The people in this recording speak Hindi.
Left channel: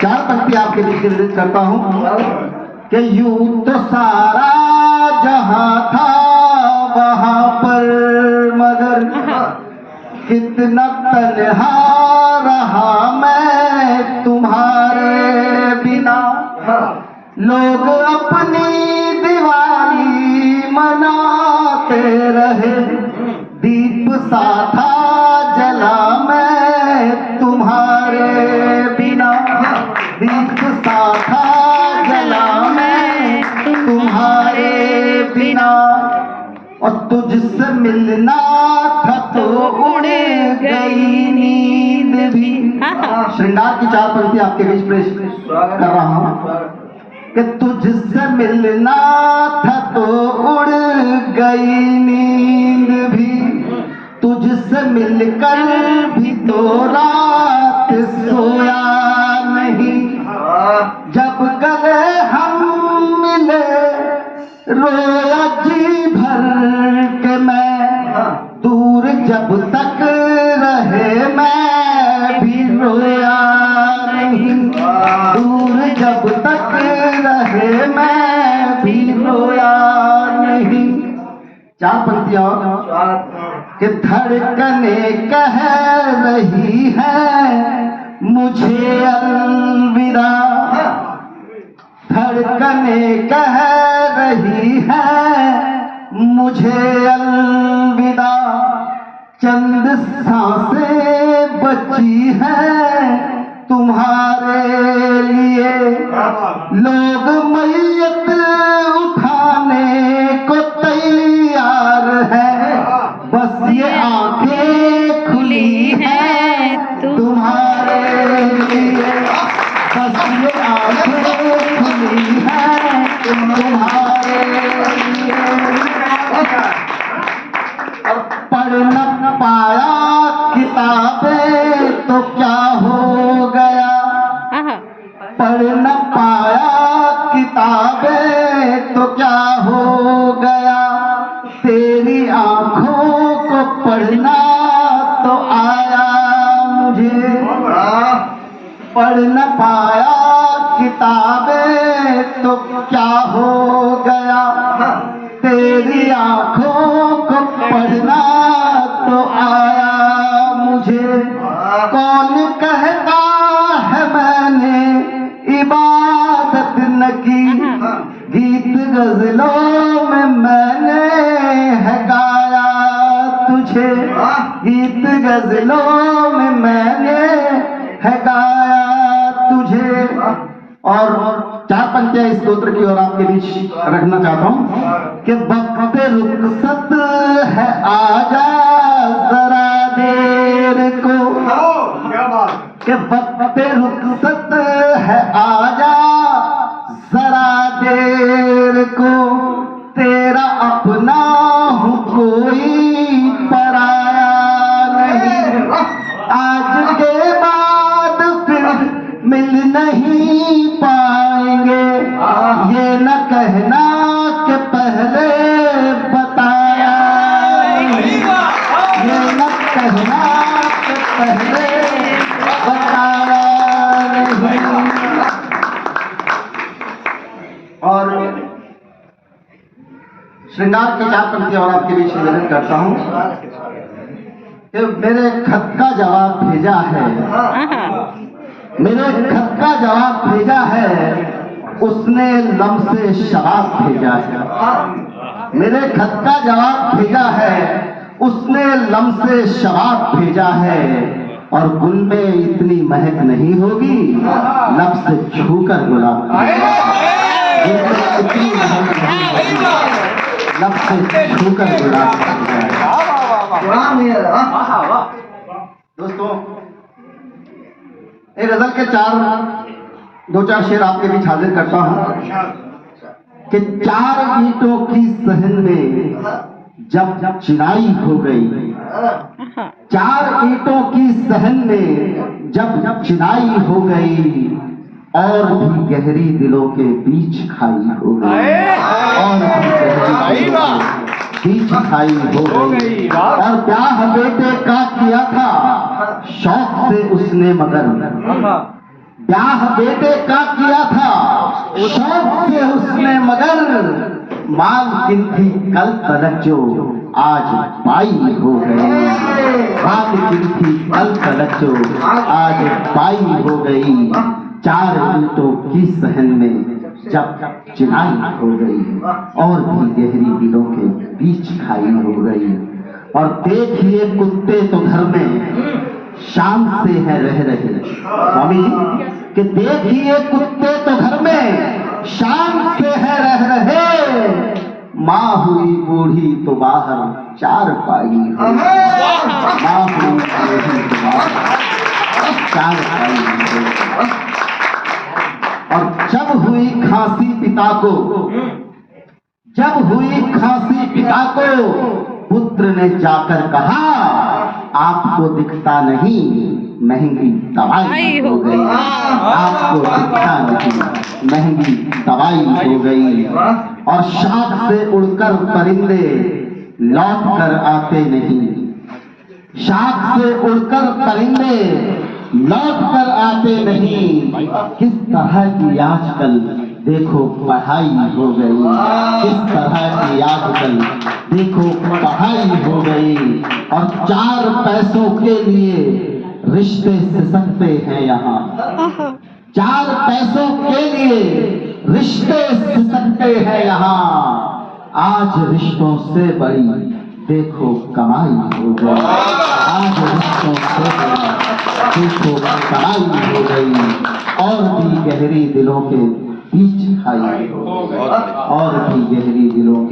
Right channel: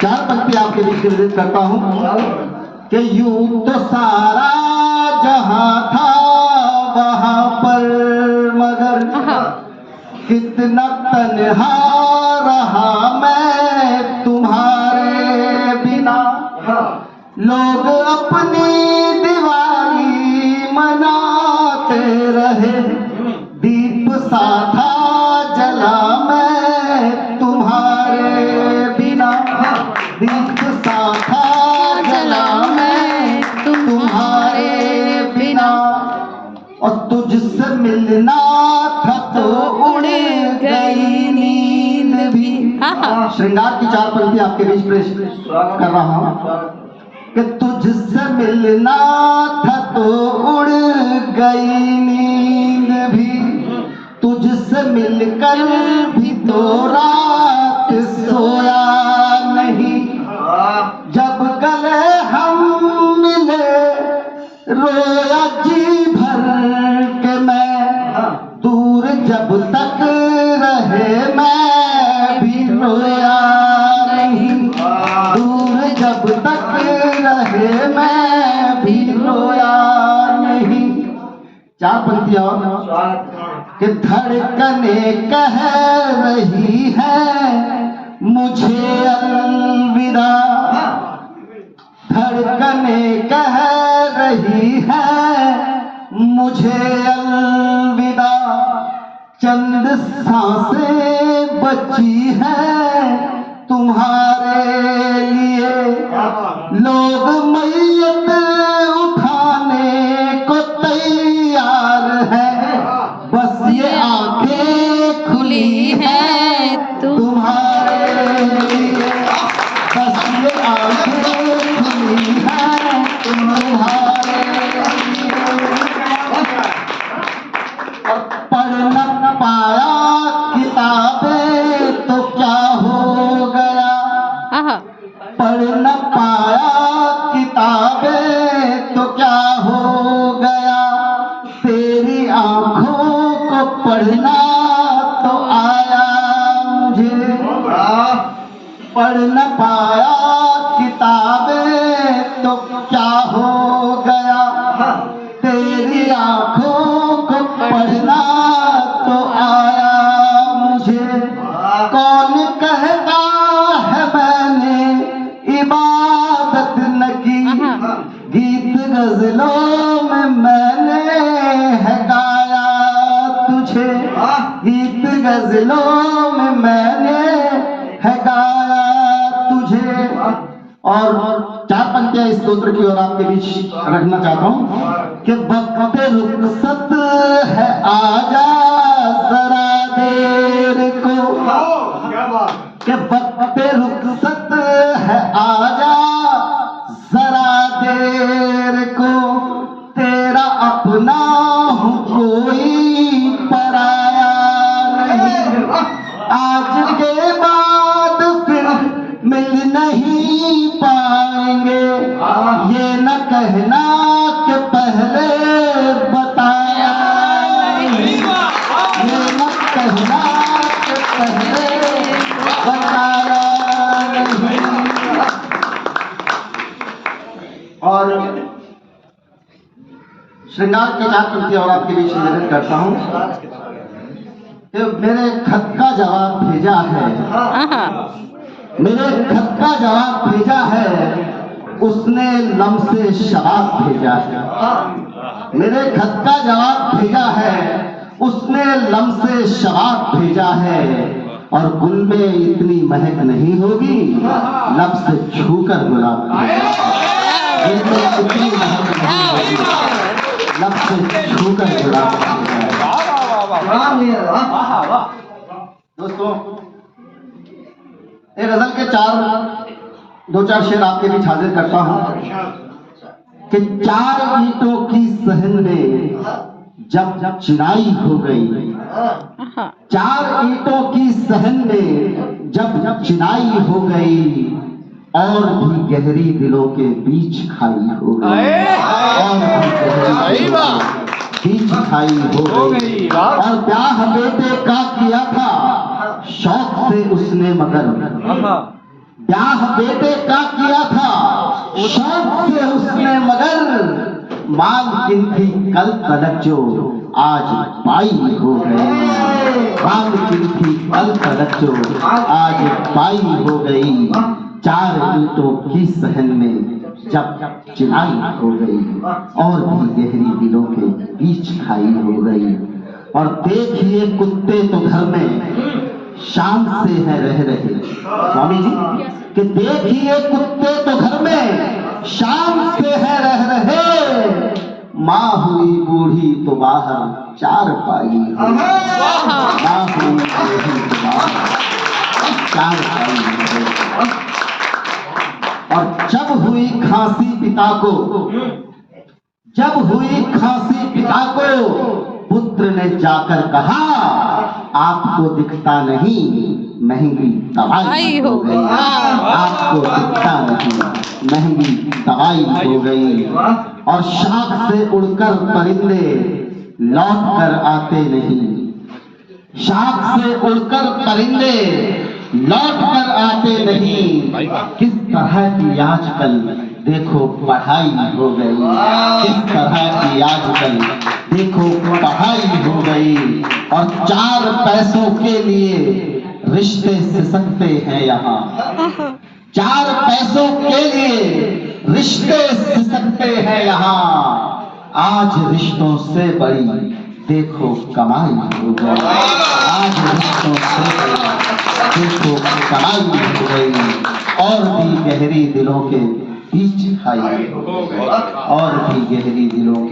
चार पंक्ति आपके बीच निर्देश करता हूं कि यूं तो सारा जहां था वहां पर, मगर कितना तन्हा रहा मैं तुम्हारे बिना। लोग अपनी दीवारी मनाते रहे, दीप सा था जला मैं तुम्हारे बिना। दीप सा था जला मैं तुम्हारे बिना। और तुझसे मिलना था तो उड़ गई नींद भी। श्रृंगार की चार पंक्ति आपके बीच पेश कर रहा हूं कि तुझसे मिलना था तो उड़ गई नींद भी, तुझसे मिलकर भी तो रात सोया नहीं। जब गले हम मिले रोया जी भर के मैं, दूर जब तक रहे मैं भी रोया नहीं। दूर जब तक रहे मैं भी रोया नहीं। चार पंक्तियां कि धड़कने कह रही है मुझे अलविदा। धड़कने कह रही है मुझे अलविदा। चंद सांसें बची हैं तुम्हारे लिए। लोग मैयत उठाने को तैयार है, बस ये आंखें खुली हैं तुम्हारे लिए। बस ये आंखें खुली हैं तुम्हारे लिए। और पढ़ न पाया किताबें तो क्या हो गया। पढ़ न पाया किताबें तो क्या हो गया। तेरी आंखों को पढ़ना तो आया मुझे। पढ़ न पाया किताबें तो क्या हो गया। तेरी आंखों को पढ़ना तो आया मुझे। कौन कहता है मैंने इबादत न की, गीत गजलों में मैंने है गाया तुझे। गीत गजलों में मैंने है गाया तुझे। और चार पंक्तियां इस स्तोत्र की और आपके बीच रखना चाहता हूं कि वक्त रुखसत है आजा जरा देर को। कि वक्त रुखसत है आजा जरा देर को। तेरा अपना हूं कोई पराया नहीं। आज के बाद फिर मिल नहीं पाएंगे, ये न कहना कि पहले बताया नहीं। ये न कहना कि पहले बताया नहीं। और श्रृंगार के चार पंक्तियां और आपके बीच निवेदन करता हूं कि मेरे खत का जवाब भेजा है। मेरे खत का जवाब भेजा है उसने लम्से शबाब भेजा है। मेरे खत का जवाब भेजा है उसने लम्से शबाब भेजा है। और गुल में इतनी महक नहीं होगी लब से छूकर गुलाब। इतनी महक नहीं होगी लब से छूकर गुलाब। दोस्तों एक गजल के दो चार शेर आपके बीच हाजिर करता हूं कि चार ईंटों की सहन में जब चिनाई हो गई। चार ईंटों की सहन में जब चिनाई हो गई, और भी गहरी दिलों के बीच खाई हो गई। और भी गहरी दिलों के बीच खाई हो गई। और ब्याह बेटे का किया था शौक से उसने, मगर ब्याह बेटे का किया था शौक से उसने, मगर मांग की थी कल तलक जो आज पाई हो गई। मांग की थी कल तलक जो आज पाई हो गई। 4 ईंटों की सहन में जब चिनाई हो गई, और भी गहरी दिलों के बीच खाई हो गई। और देखिए कुत्ते तो घर में शान से है रह रहे। स्वामी जी कि देखिए कुत्ते तो घर में शान से है रह रहे। माँ हुई बूढ़ी तो बाहर 4 पाई हो। माँ हुई बूढ़ी तो बाहर 4 पाई हो। और जब हुई खांसी पिता को, जब हुई खांसी पिता को, पुत्र ने जाकर कहा आपको दिखता नहीं, महंगी दवाई हो गई। आपको दिखता नहीं, महंगी दवाई हो गई। और शाख से उड़कर परिंदे लौट कर आते नहीं। शाख से उड़कर परिंदे लौट कर आते नहीं। किस तरह की आजकल देखो पढ़ाई हो गई। किस तरह की आजकल देखो पढ़ाई हो गई। और 4 पैसों के लिए रिश्ते सिसकते हैं यहाँ। 4 पैसों के लिए रिश्ते सिसकते हैं यहाँ। आज रिश्तों से बड़ी देखो कमाई हो गई। आज रिश्तों से बड़ी देखो कमाई हो गई। और भी गहरी दिलों के बीच खाई हो गई। और भी गहरी दिलों के